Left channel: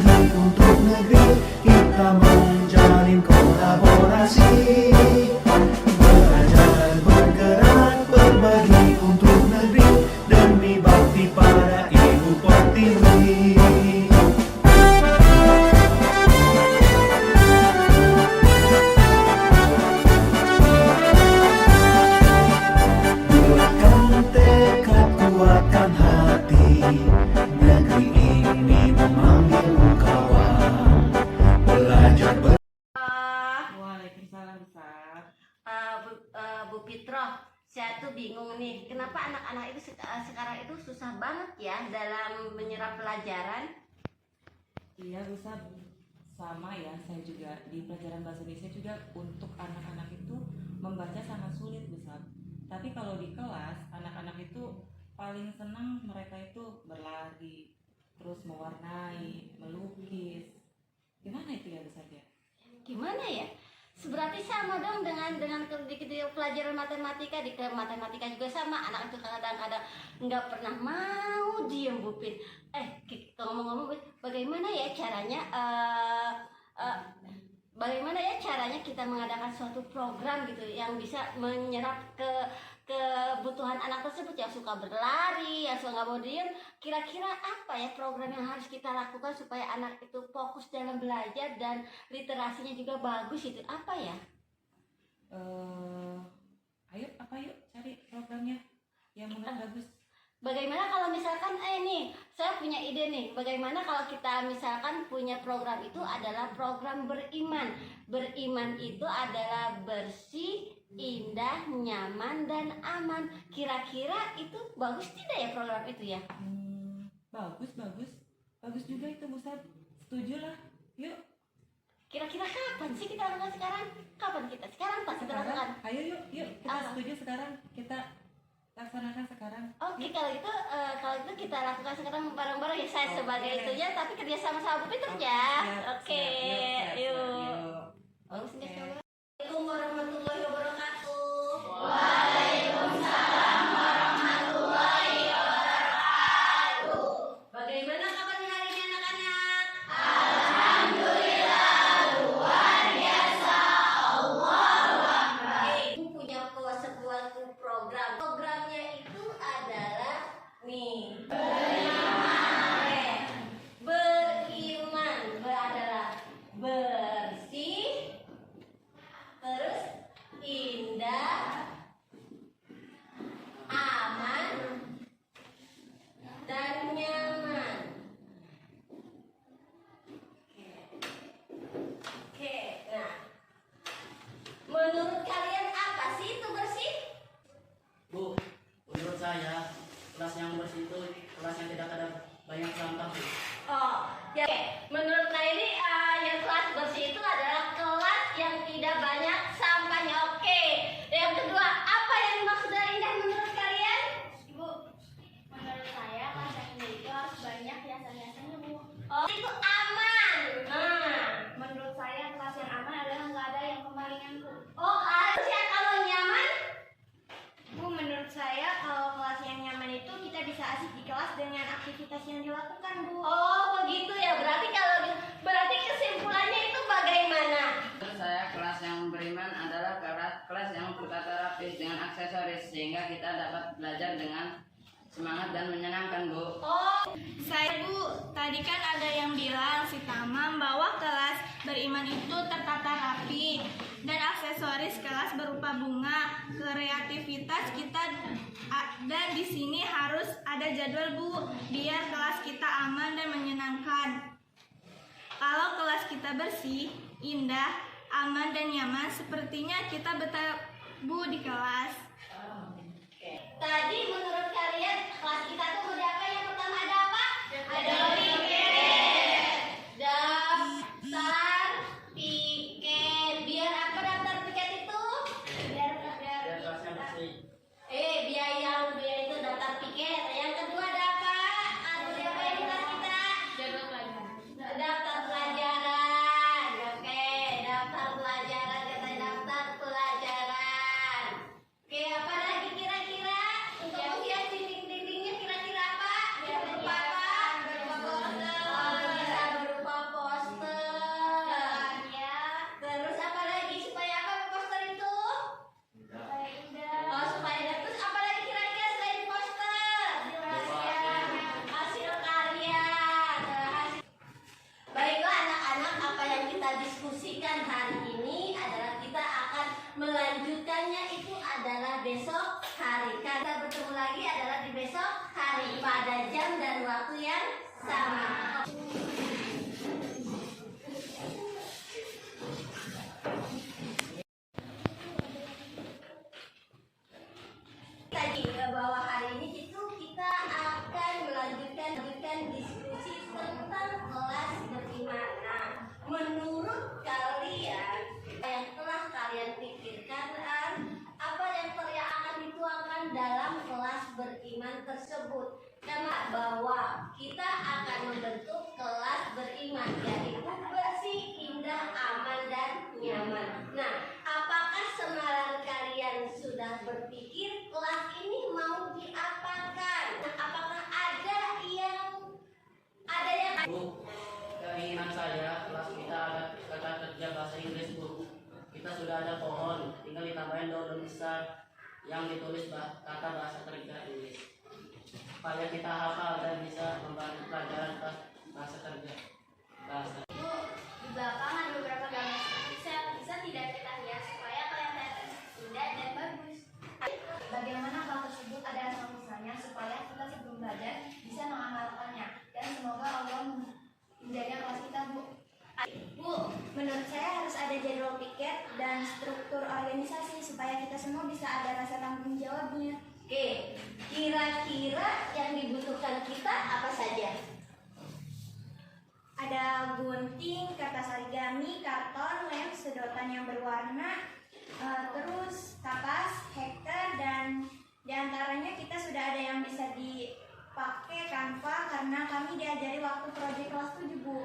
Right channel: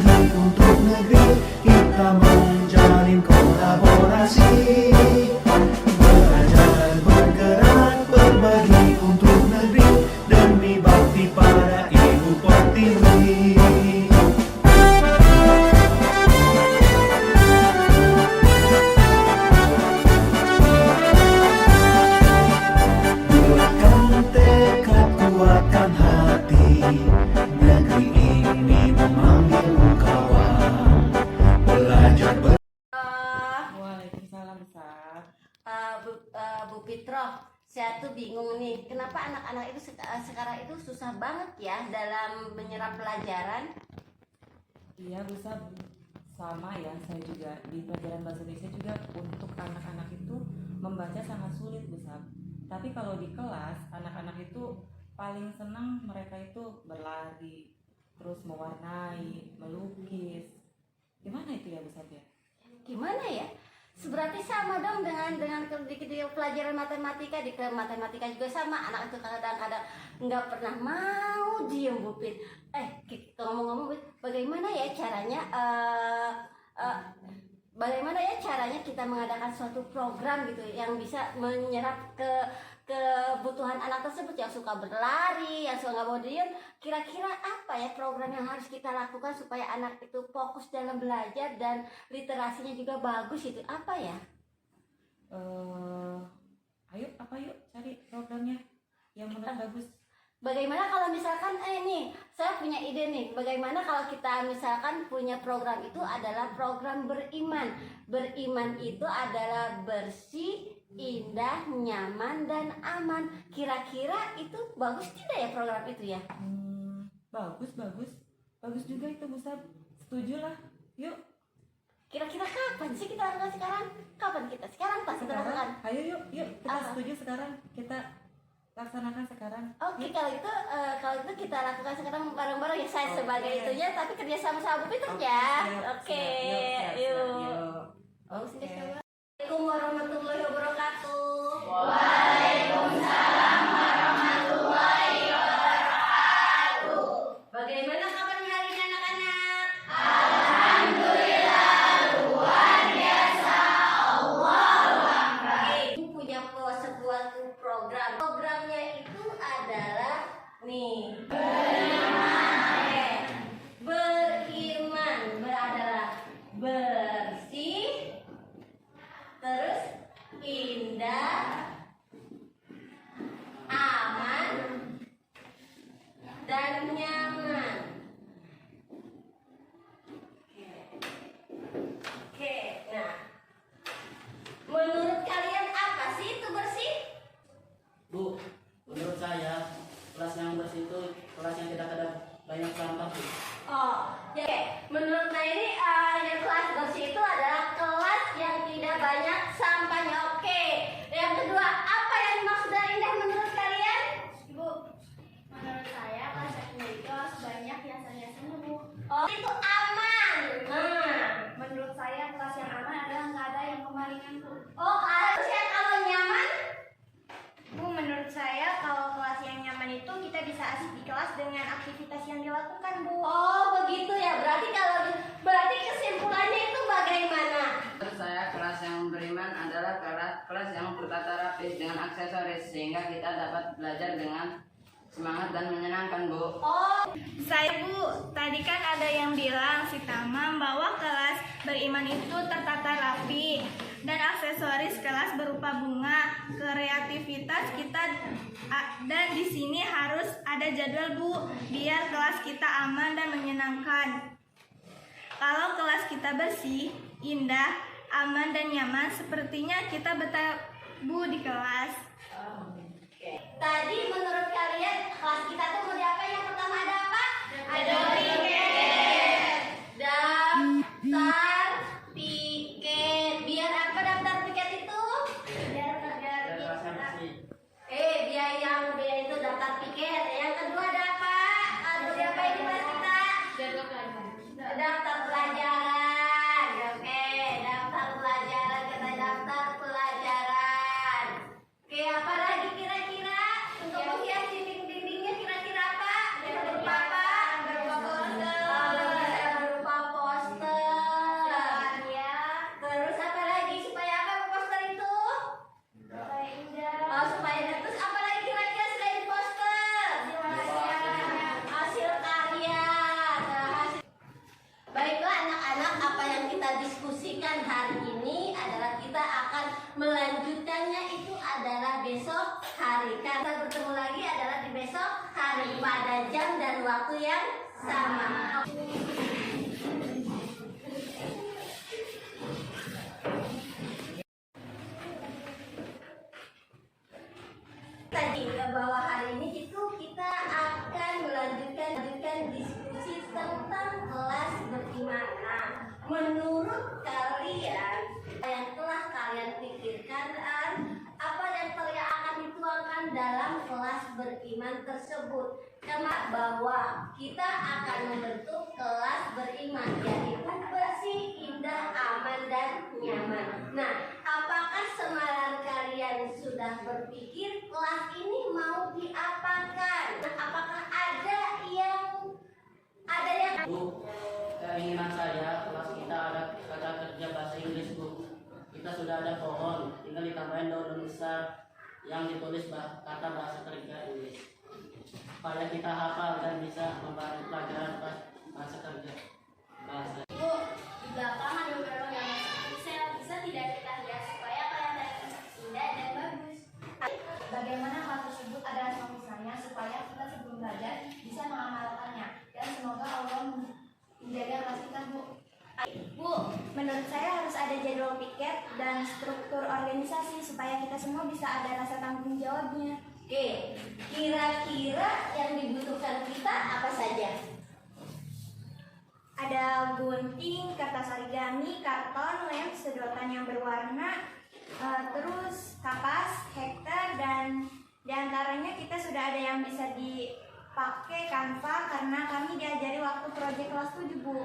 berbagi untuk negeri, kita menjalin kolaborasi. Belajar bergerak berbagi untuk negeri, demi bakti pada Ibu Pertiwi. Buatkan tekad, kuatkan hati, negeri ini memanggilmu kawan. Belajar Waalaikumsalam Ustaz. Bu Fitroh, saya tuh bingung nih, kenapa anak-anak itu sekarang itu susah banget ya dalam menyerap pelajaran? Iya Ustaz, sama ya, saya juga di pelajaran bahasa Indonesia juga untuk anak-anak itu membaca sangat sulit Ustaz. Tapi kalau di kelas, anak-anak itu paling senang mereka itu berlari, terus mewarnai, melukis. Gimana itu ya Ustaz ya? Gimana ya? Berarti sama dong dengan di pelajaran matematika, di matematika juga sama, anak itu kadang-kadang nggak pernah mau diem Bu Fit. Ngomong-ngomong, bagaimana ya caranya kita mengadakan suatu program gitu yang bisa menyerap kebutuhan anak tersebut yang suka berlari, yang suka nggak mau diem. Kira-kira apa ya program yang harus kita lakukan supaya anak itu fokus dalam belajar dan literasinya juga bagus, itu apa ya? Ayo cari programnya yang menurut bagus. Bagaimana kalau misalkan nih saya punya ide nih, bagaimana kalau kita misalkan punya program itu adalah program beriman. Beriman itu adalah bersih, indah, nyaman, dan aman. Kira-kira itu bagus tidak ya program itu ya? Bagus juga itu Ustaz. Setuju lah. Yuk. Kira-kira kapan sih kita lakukan sekarang? Kapan kita? Sekarang pasti kita lakukan. Ayo yuk kita setuju sekarang, kita laksanakan sekarang. Oke, kalau itu kita lakukan sekarang bareng-bareng ya, saya sebagai itunya, tapi kerja sama Bu Peter ya. Oke, yuk. Assalamualaikum warahmatullahi wabarakatuh. Waalaikumsalam warahmatullahi wabarakatuh. Bagaimana kabarnya hari ini anak-anak? Alhamdulillah, luar biasa. Allahu Akbar. Ibu punya sebuah program. Programnya itu adalah nih, beriman adalah bersih, terus indah, aman, dan nyaman. Oke, nah, menurut kalian apa sih itu bersih? Bu, menurut saya kelas yang bersih itu kelas yang tidak ada banyak sampah, Bu. Oh, ya. Menurut saya ini yang kelas bersih itu adalah kelas yang tidak banyak sampahnya. Oke. Yang kedua, apa yang dimaksud dari indah menurut kalian? Ibu, menurut saya kelas ini itu harus banyak hiasan-hiasannya, Bu. Oh, itu aman. Menurut saya kelas yang aman adalah nggak ada yang kemalingan, Bu. Oh, harusnya kalau nyaman. Bu, menurut saya kalau kelas yang nyaman itu kita bisa asik di kelas dengan aktivitas yang dilakukan, Bu. Oh, begitu ya. Berarti kesimpulannya itu bagaimana? Menurut saya kelas yang beriman adalah kelas yang tertata rapi dengan aksesoris sehingga kita dapat belajar dengan semangat dan menyenangkan, Bu. Oh, Saya, Bu, tadi kan ada yang bilang si Tamam bahwa kelas beriman itu tertata rapi dan aksesoris kelas berupa bunga, kreativitas kita, dan di sini harus ada jadwal, Bu, biar kelas kita aman dan menyenangkan. Kalau kelas kita bersih, indah, aman dan nyaman, sepertinya kita betah, Bu, di kelas. tadi menurut kalian kelas kita tuh mau diapa? Yang pertama ada apa? Ada piket, daftar piket. Biar apa daftar piket itu? Biar Kelasnya bersih. Biaya itu daftar piket. Yang kedua ada apa? Ada diapa ini kelas kita? Daftar pelajaran. Oke, daftar pelajaran, kita daftar pelajaran. Oke, apa lagi kira-kira untuk menghias dinding-dindingnya, kira-kira apa? Berupa apa? Berupa kita diskusikan hari ini adalah kita akan melanjutkannya itu adalah besok hari. Kita bertemu lagi adalah di besok hari pada jam dan waktu yang sama. Tadi bahwa hari ini itu kita akan melanjutkan diskusi tentang kelas beriman. Nah, menurut kalian yang telah kalian pikirkan, apa yang akan dituangkan dalam kelas beriman tersebut? Karena bahwa kita akan membentuk kelas beriman, yaitu bersih, indah, aman, dan nyaman. Nah, apakah semalaman kalian sudah berpikir kelas ini mau diapakan? Apakah ada yang Bu, keinginan saya kelas kita ada kata kerja bahasa Inggris, Bu. Kita sudah ada pohon, tinggal ditambahin daun besar yang ditulis kata bahasa kerja Inggris, supaya kita hafal dan bisa membantu pelajaran bahasa kerja bahasa. Bu, di belakang ada beberapa gambar piksel, bisa tidak kita hias supaya kelihatan indah dan bagus. Bagaimana hal tersebut adalah solusinya supaya kita sebelum belajar bisa mengamalkannya, dan semoga Allah menjaga kelas kita, Bu. Bu, menurut saya harus ada jadwal piket dan struktur organisasi supaya kita semua bisa ada rasa tanggung jawabnya. Oke, kira-kira yang dibutuhkan kita apa saja? Ada gunting, kertas origami, karton, lem, sedotan yang berwarna, terus kapas, hektar, dan diantaranya kita sudah ada yang bisa dipakai Canva karena kami diajari waktu proyek kelas 7, Bu.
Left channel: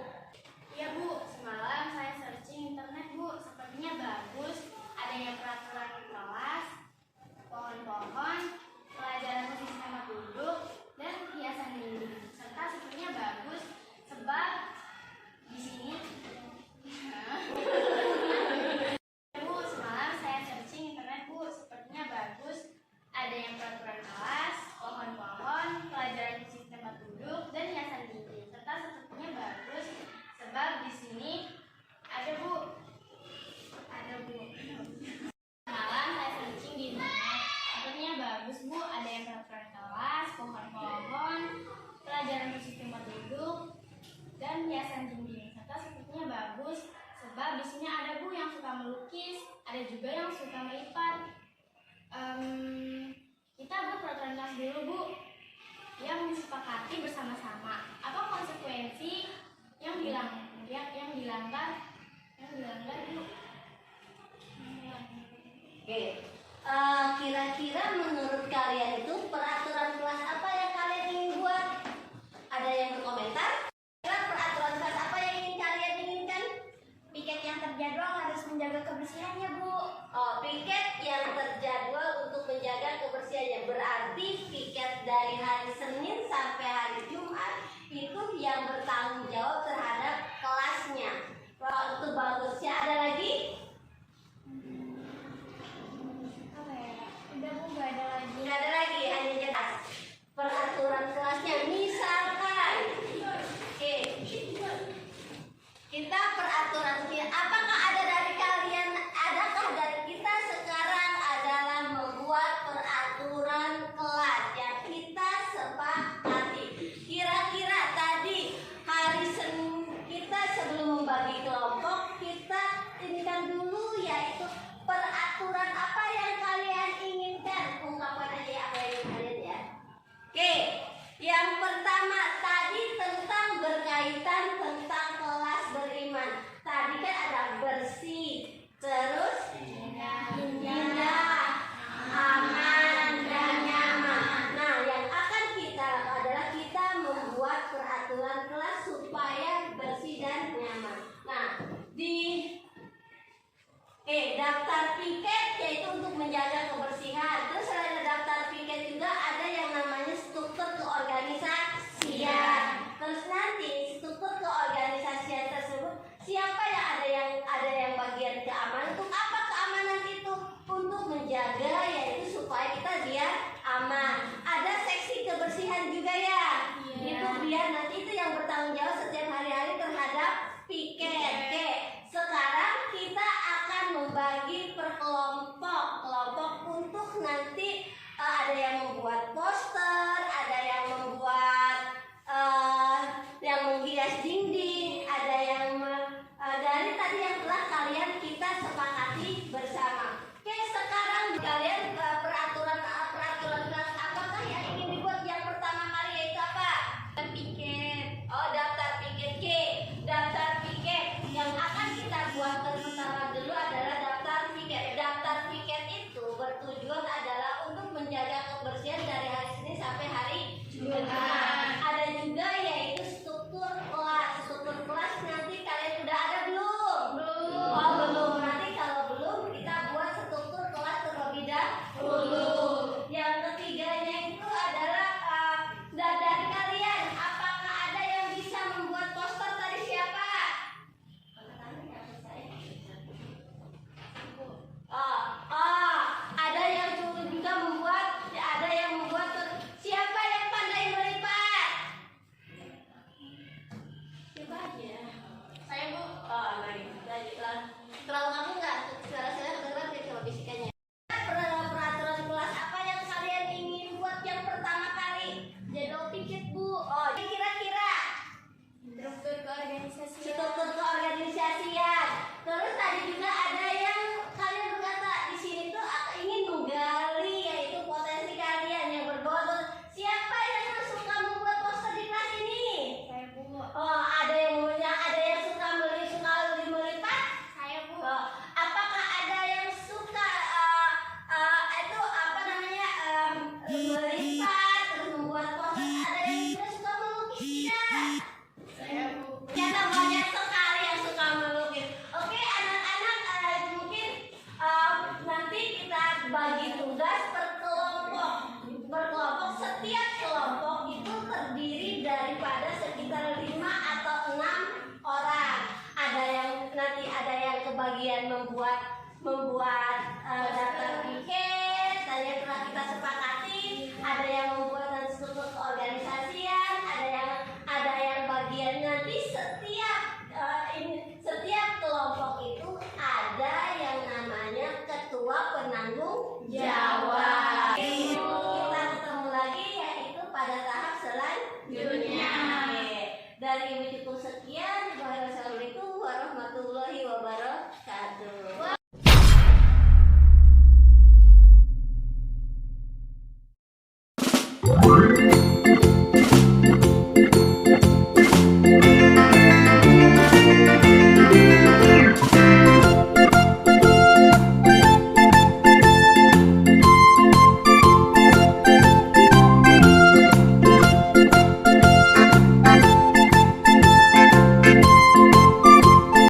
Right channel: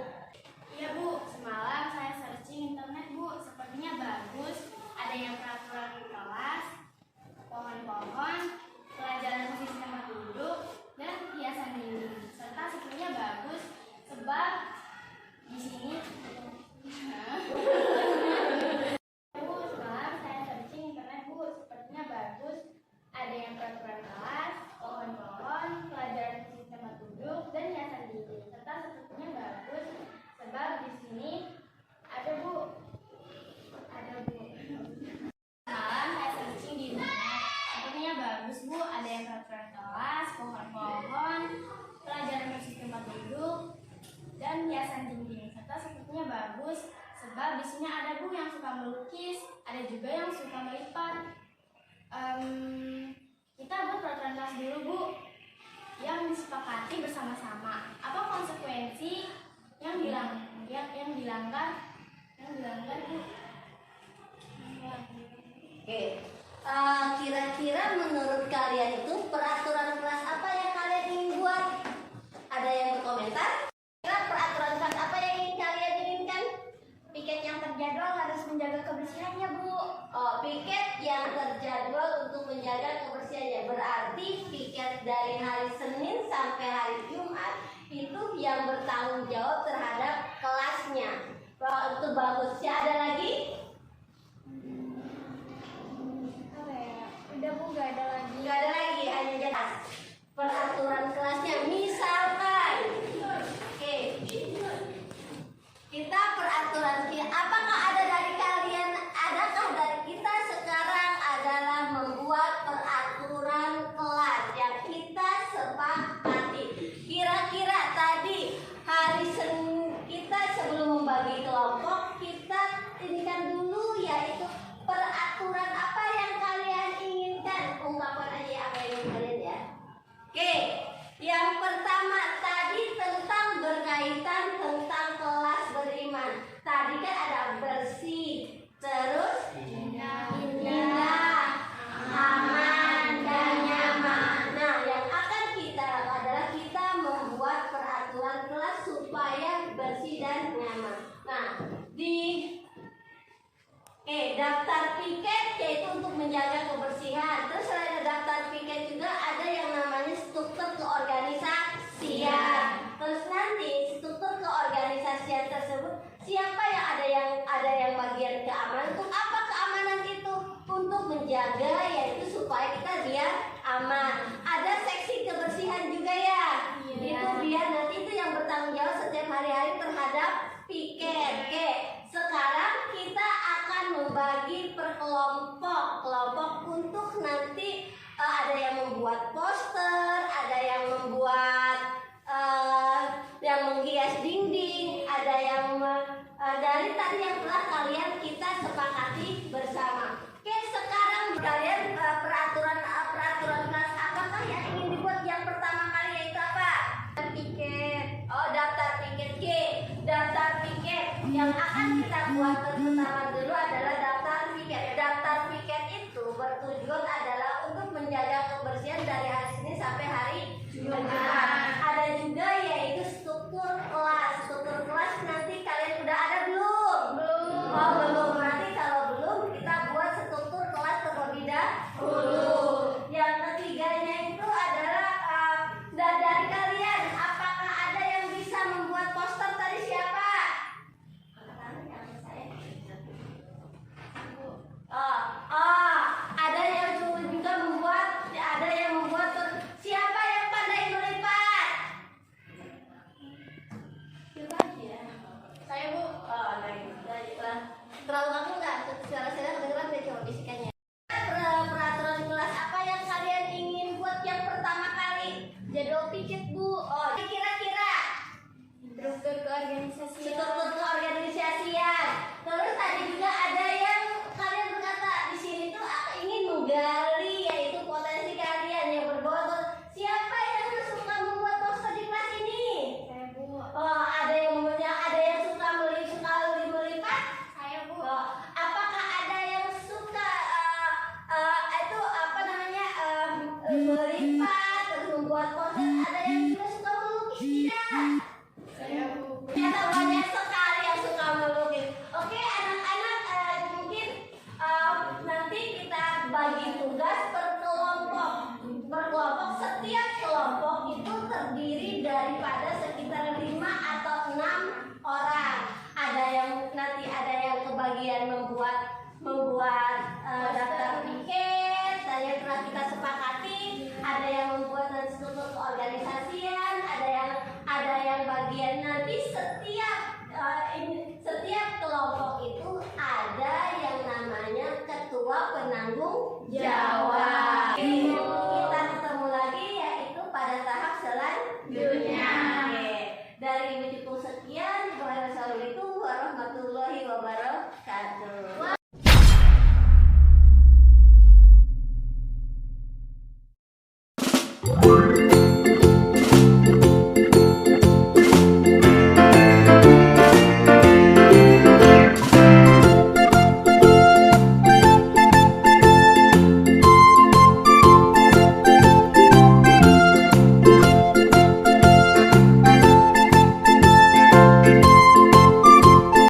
Iya, Bu, semalam saya searching internet, Bu, sepertinya bagus. Ada yang peraturan kelas, pohon-pohon, pelajaran musik sama duduk, dan hiasan dinding. Serta sepertinya bagus sebab di sini Bu, semalam saya searching internet, Bu, sepertinya bagus. Ada yang peraturan kelas, pohon-pohon, pelajaran musik tempat duduk, dan hiasan dinding. Serta sepertinya bagus sebab di sini ada, Bu. Malam saya searching di internet, sepertinya bagus, Bu. Ada yang peraturan kelas, pohon-pohon, pelajaran musik tempat duduk, dan hiasan dinding. Serta sepertinya bagus sebab di sini ada, Bu, yang suka melukis, ada juga yang suka melipat. Kita buat peraturan kelas dulu, Bu, yang disepakati bersama-sama. Apa konsekuensi yang dilanggar, Bu? Oke, kira-kira menurut kalian itu peraturan kelas apa yang kalian ingin buat? Ada yang berkomentar? Kira peraturan kelas apa yang ingin kalian inginkan? Piket yang terjadwal harus menjaga kebersihannya, Bu. Oh, piket yang terjadwal untuk menjaga kebersihannya. Berarti piket dari hari Senin sampai hari Jumat itu yang bertanggung jawab terhadap kelasnya. Itu bagus. Ya, ada lagi? Udah, Bu, nggak ada lagi. Tidak ada lagi, hanya jelas peraturan kelasnya. Misalkan, oke, kita peraturan apakah ada dari kalian? Adakah dari kita sekarang adalah membuat peraturan kelas yang kita sepakati? Kira-kira tadi hari Senin kita sebelum membagi kelompok kita inikan dulu, yaitu peraturan apa yang kalian inginkan. Ungkapkan aja apa yang ingin kalian, ya. Oke, yang pertama tadi tentang berkaitan tentang kelas beriman. Tadi kan ada bersih, terus indah, aman, dan nyaman. Nah, yang akan kita adalah kita membuat peraturan kelas supaya bersih dan nyaman. Nah, di daftar piket yaitu untuk menjaga kebersihan. Terus selain daftar piket juga ada yang namanya struktur keorganisasian. Terus nanti struktur keorganisasian tersebut siapa yang ada yang bagian keamanan. Untuk apa keamanan itu? Untuk menjaga, yaitu supaya kita biar aman. Ada seksi kebersihan juga, ya. Itu biar nanti itu yang bertanggung jawab setiap hari-hari terhadap piket. Oke. membuat poster, ada yang membuat yang menghias dinding, ada yang dari tadi yang telah kalian kita sepakati bersama. Oke, sekarang kalian peraturan kelas apakah yang ingin dibuat yang pertama kali yaitu apa? Piket. Oh, daftar piket. G. Daftar piket. Yang akan kita buat pertama dulu adalah daftar piket. Daftar piket itu bertujuan adalah untuk menjaga kebersihan dari hari Senin sampai hari Jumat. Ada juga yaitu struktur kelas. Struktur kelas nanti kalian udah ada belum? Belum. Oh, belum. Nanti kalau belum kita buat struktur kelas terlebih dahulu. Yang ketiganya itu adalah dari kalian apakah ada yang bisa membuat poster tadi siapa? Ada yang juga membuat, ada yang membuat. Siapa yang pandai melipat? Saya Bu. Terlalu kamu nggak? Suara-suara kedengeran deh kalau bisikannya. Peraturan kelas apa yang kalian ingin buat yang pertama kali? Jadwal piket Bu. Oh, kira-kira struktur keorganisasian. Terus tadi juga ada yang kalian berkata di sini tuh aku ingin menggali yaitu potensi kalian yang berbobot. Siapa yang suka membuat poster di kelas ini? Saya Bu. Oh, ada yang suka melipat? Saya Bu. Oh, apakah ada yang suka itu apa namanya melipat terus membuat poster? Ada yang juga suka melukis tidak? Saya Bu. Ternyata banyak sekali yang suka melukis. Oke, anak-anak mungkin nanti kita bagi tugas per kelompok. Setiap kelompok itu terdiri daripada sekitar 5 atau 6 orang. Ada yang kebagian membuat daftar piket, tadi yang telah kita sepakati. Ada yang membuat struktur keorganisasian, ada yang bagian nanti setiap kelompok itu ada yang namanya ketua penanggung jawab. Kita ketemu lagi yaitu pada tahap selanjutnya. Oke. Dari Wikipedia sekian. Wassalamualaikum warahmatullahi wabarakatuh.